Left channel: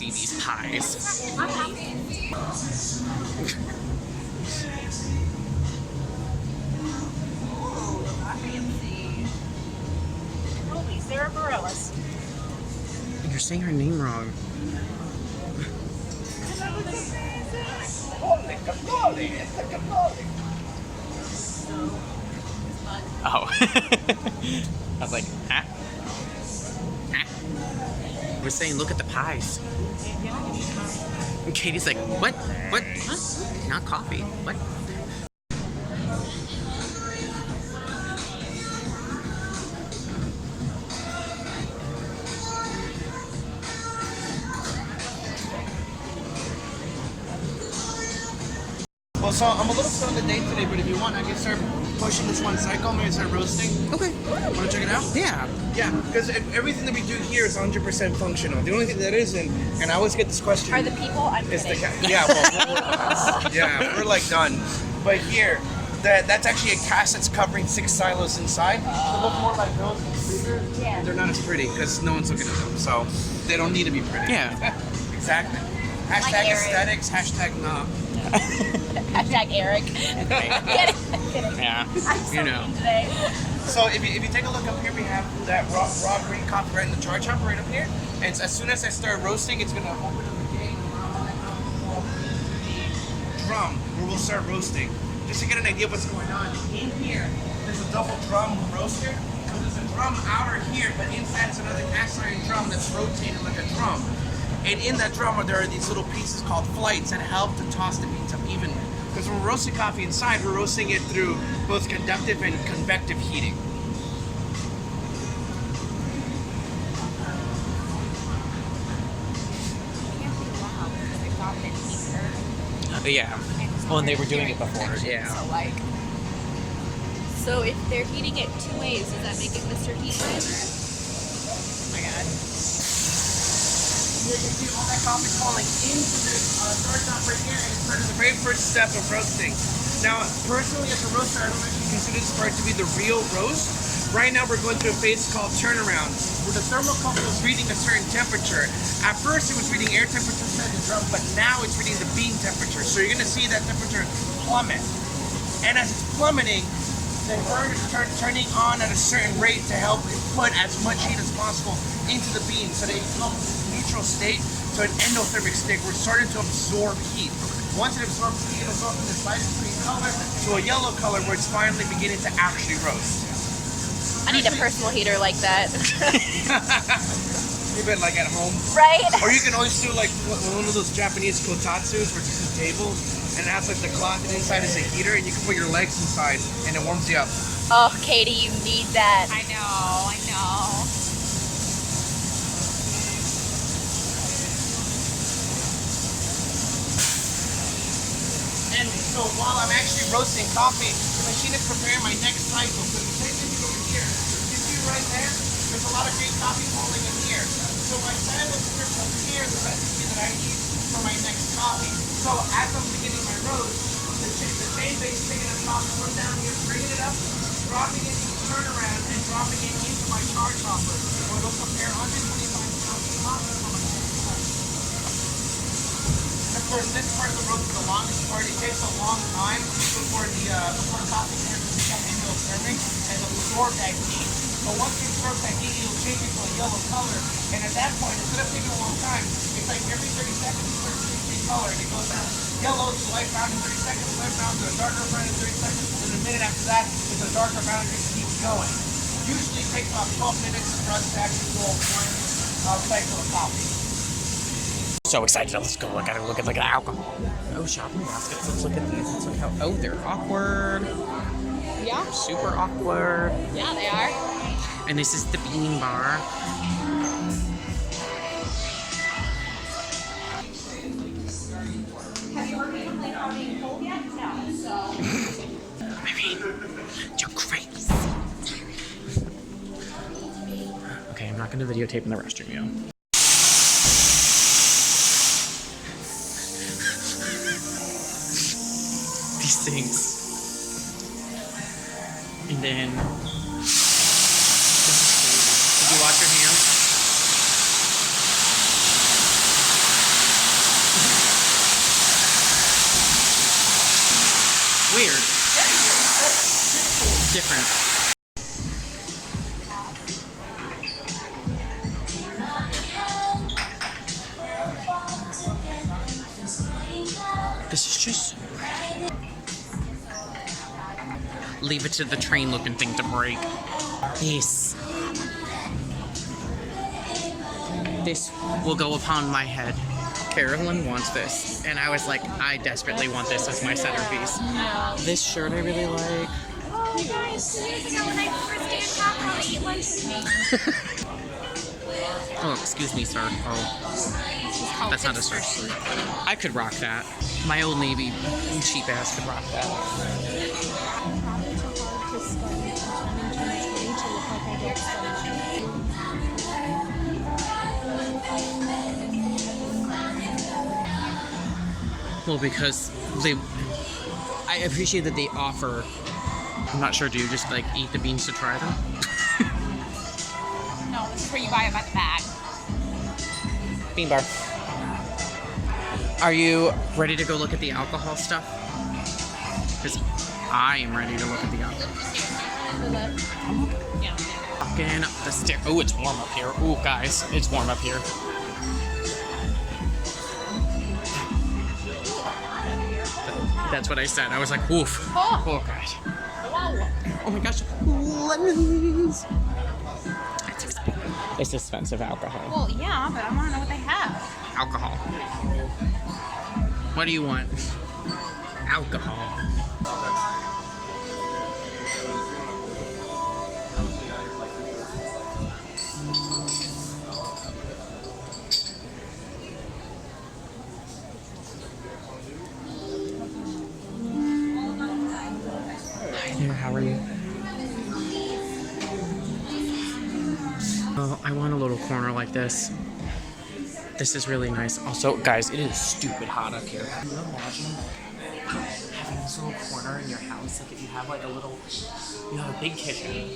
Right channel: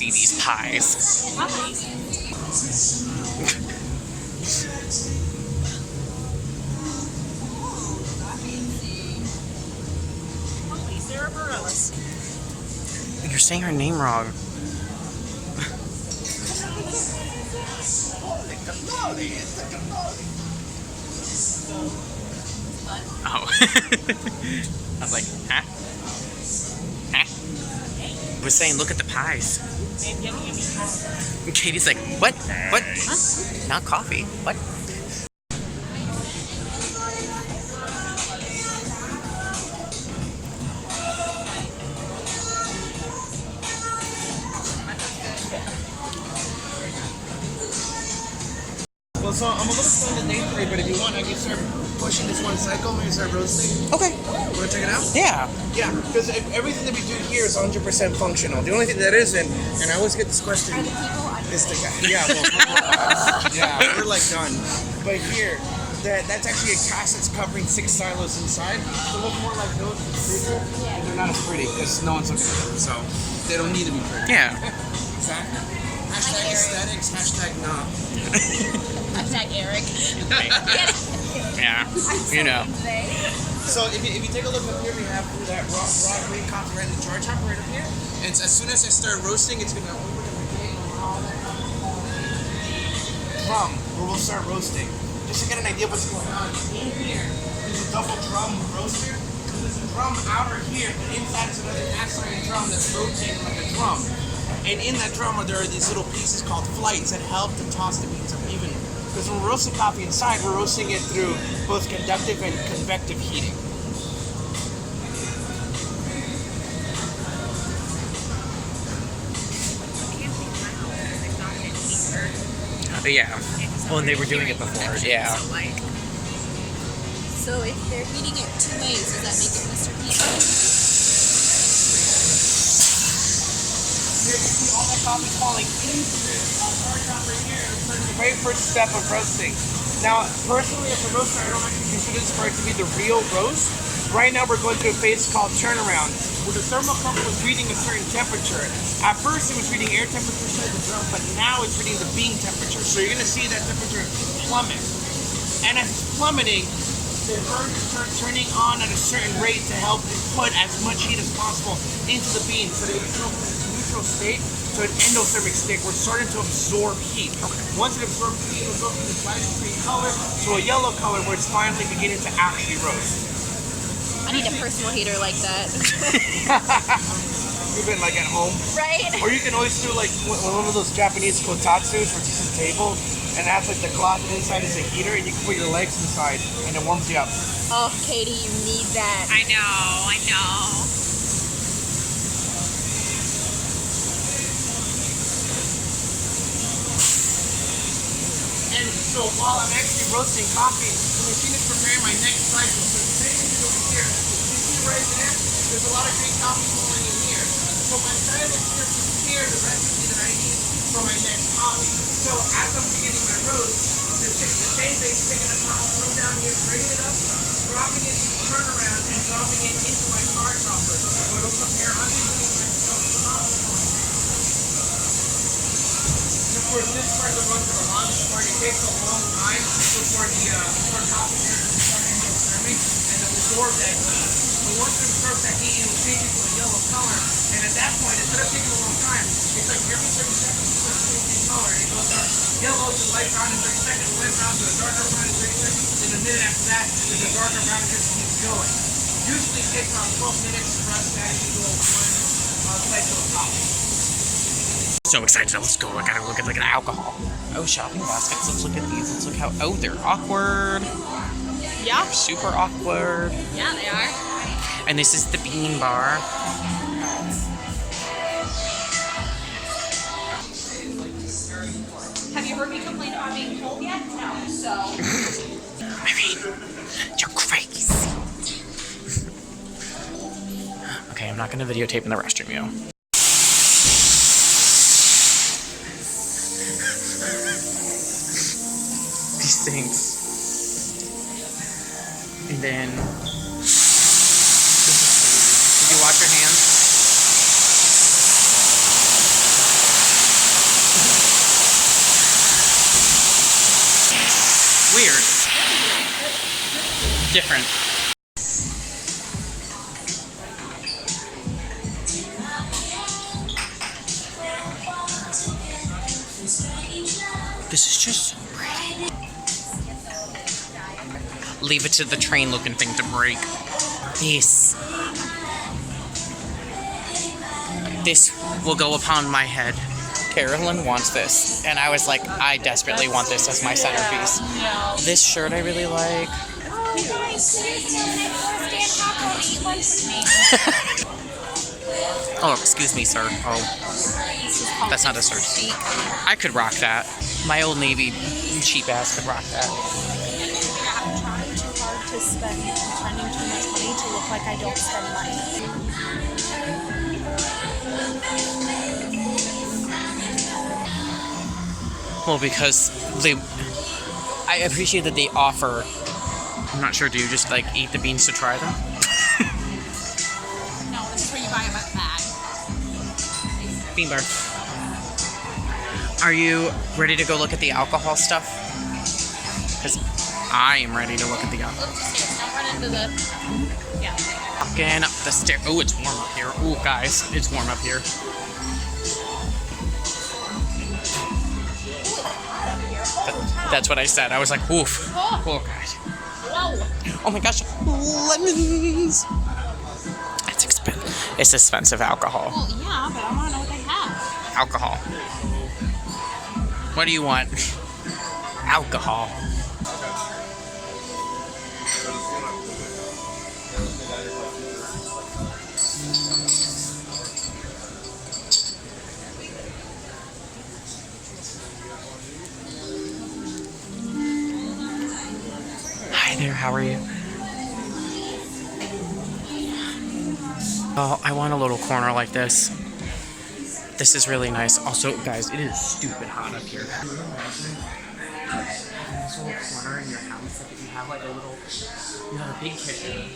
see these pies. Holy Sarah Bareilles. You're saying her name wrong. Oh. I was like, huh? Huh? I was saying, look at the pies. And Katie's like, what? What? Huh? Not coffee. What? Well, so I'm a little slow on the day today, but if you want, I can start pushing this one cycle. Maybe start roasting. Okay. Want to check it out? Yeah. Yeah, because everything that we do here is 100% functional. The only thing that isn't, and I always get this question, Are the people is the yeah, well, we're like done. But here, that's actually a cast that's covering 6 silos inside. They look more like those, it's bigger, and they're not as pretty because no one's looking at them, so they don't need to be pretty. Yeah. Exactly. Hashtag aesthetics. Hashtag no. Hashtag Eric. Yeah. You know. So if you take a look up here, we have that raw green coffee right in the charge hop right up here. And as soon as I start roasting, it's gonna open up a gate and allow all that coffee to fall into the drum where we'll start roasting. Just to get an idea of what's going on. In here, there's a double drum roaster. So there's a drum outer here, but inside is another cast iron drum that's rotating like a drum. And in that drum, there are these little pieces called flights that help to toss the beans up even. Because when we're roasting coffee inside, we're roasting it through both conductive and convective heating. Yeah. Well, and they were doing it before. Yeah. So if they're heating it 2 ways, does that make it Mr. Heat Miser? Here you see all that coffee falling into this charge hop right here, and it's starting the very first step of roasting. Now, personally, as a roaster, I don't actually consider this part to be the real roast. Right now, we're going through a phase called turnaround, where the thermocouple is reading a certain temperature. At first, it was reading air temperature inside the drum, but now it's reading the bean temperature. So you're going to see that temperature plummet. And as it's plummeting, the burner is turning on at a certain rate to help put as much heat as possible into the bean so that it can go from this neutral state to an endothermic state where it's starting to absorb heat. Okay. Once it absorbs heat, it'll go from this light green color to a yellow color where it's finally beginning to actually roast. I need a personal heater like that. You've been like at home. Right? Or you can always do like one of those Japanese kotatsus where it's just a table and it has like the cloth and inside is a heater and you can put your legs inside and it warms you up. Oh, Katie, you need that. I know. And so while I'm actually roasting coffee, the machine is preparing my next cycle. So the second is over here. You see right there? There's a lot of green coffee falling in here. So my time is here to prepare the recipe that I need for my next coffee. So as I'm beginning my roast, the same base picking up coffee, come down here, bring it up, dropping it to turn around, and dropping it into my charge hopper. Where it'll prepare underneath my coffee. And of course, this part of the roast is a long part. It takes a long time before coffee turns to become endothermic and absorb that heat. But once it absorbs that heat, it'll change it to a yellow color. And at that point, instead of taking a long time, it's like every 30 seconds it starts changing color. It goes from yellow to light brown in 30 seconds, light brown to a darker brown in 30 seconds, and a minute after that, there's a darker brown and just keeps going. Usually it takes about 12 minutes for us to actually go one cycle of coffee. So excited. Let's go. I gotta look at the alcohol. Oh, shopping baskets. Let's look at these. Let's look how. Oh, they're awkward. Yeah. They're super awkward. Yeah, they are. And this is the bean bar. Have you heard me complain about being cold yet? No. So. I mean, you're crazy. Okay, I'm not gonna videotape in the restroom, yo. These things. And then this is crazy. Did you wash your hands? Weird. Different. This is just so pretty. Leave it to the train looking thing to break. This will go upon my head. Carolyn wants this, and I was like, I desperately want this as my centerpiece. This shirt I really like. Oh, excuse me, sir. Oh, that's not a shirt. I could rock that. My Old Navy cheap ass could rock that. I'm trying too hard to spend. I'm spending too much money to look like I don't spend money. Well, because I appreciate that they offer. I'm not sure. Do you just like eat the beans to try them? No, this is where you buy them by the bag. Bean bar. Are you ready to go look at the alcohol stuff? Because I am ready to look at the alcohol. Run into the... Yeah. Walking up the stair. Oh, it's warm up here. Oh, guys, it's warm up here. That's what I said. I was like, oof. Oh. Oh, God. Oh, my gosh. Lemons. It's expensive alcohol. Well, yeah, but I want to know what they have. Alcohol. What do you want? Alcohol. Hi there, how are you? Oh, I want a little corner like this. This is really nice. Also, guys, it is stupid hot up here. Can you imagine having this little corner in your house? Like if you have like a little, you have a big kitchen,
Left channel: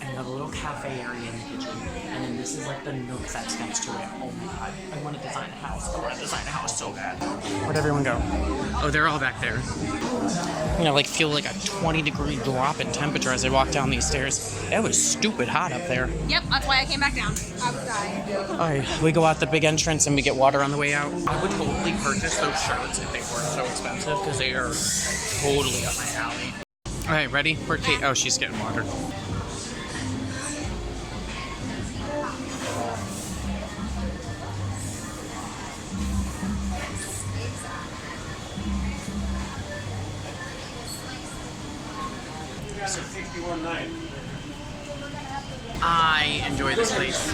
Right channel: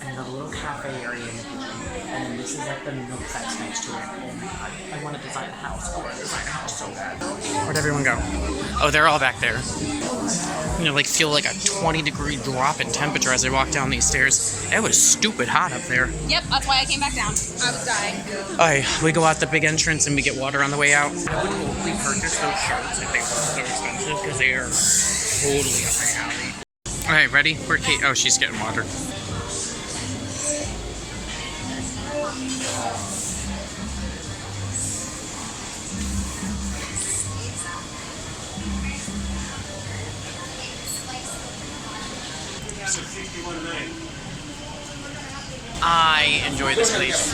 and you have a little cafe area in the kitchen, and then this is like the nook that's next to it. Oh my god, I want to design a house. I want to design a house so bad. Where'd everyone go? Oh, they're all back there. You know, like feel like a 20-degree drop in temperature as I walk down these stairs. It was stupid hot up there. Yep, that's why I came back down. I was dying. Alright, we go out the big entrance and we get water on the way out. I would totally purchase those shirts if they weren't so expensive because they are totally up my alley. Alright, ready? Where'd Kate? Oh, she's getting water. I enjoy this place.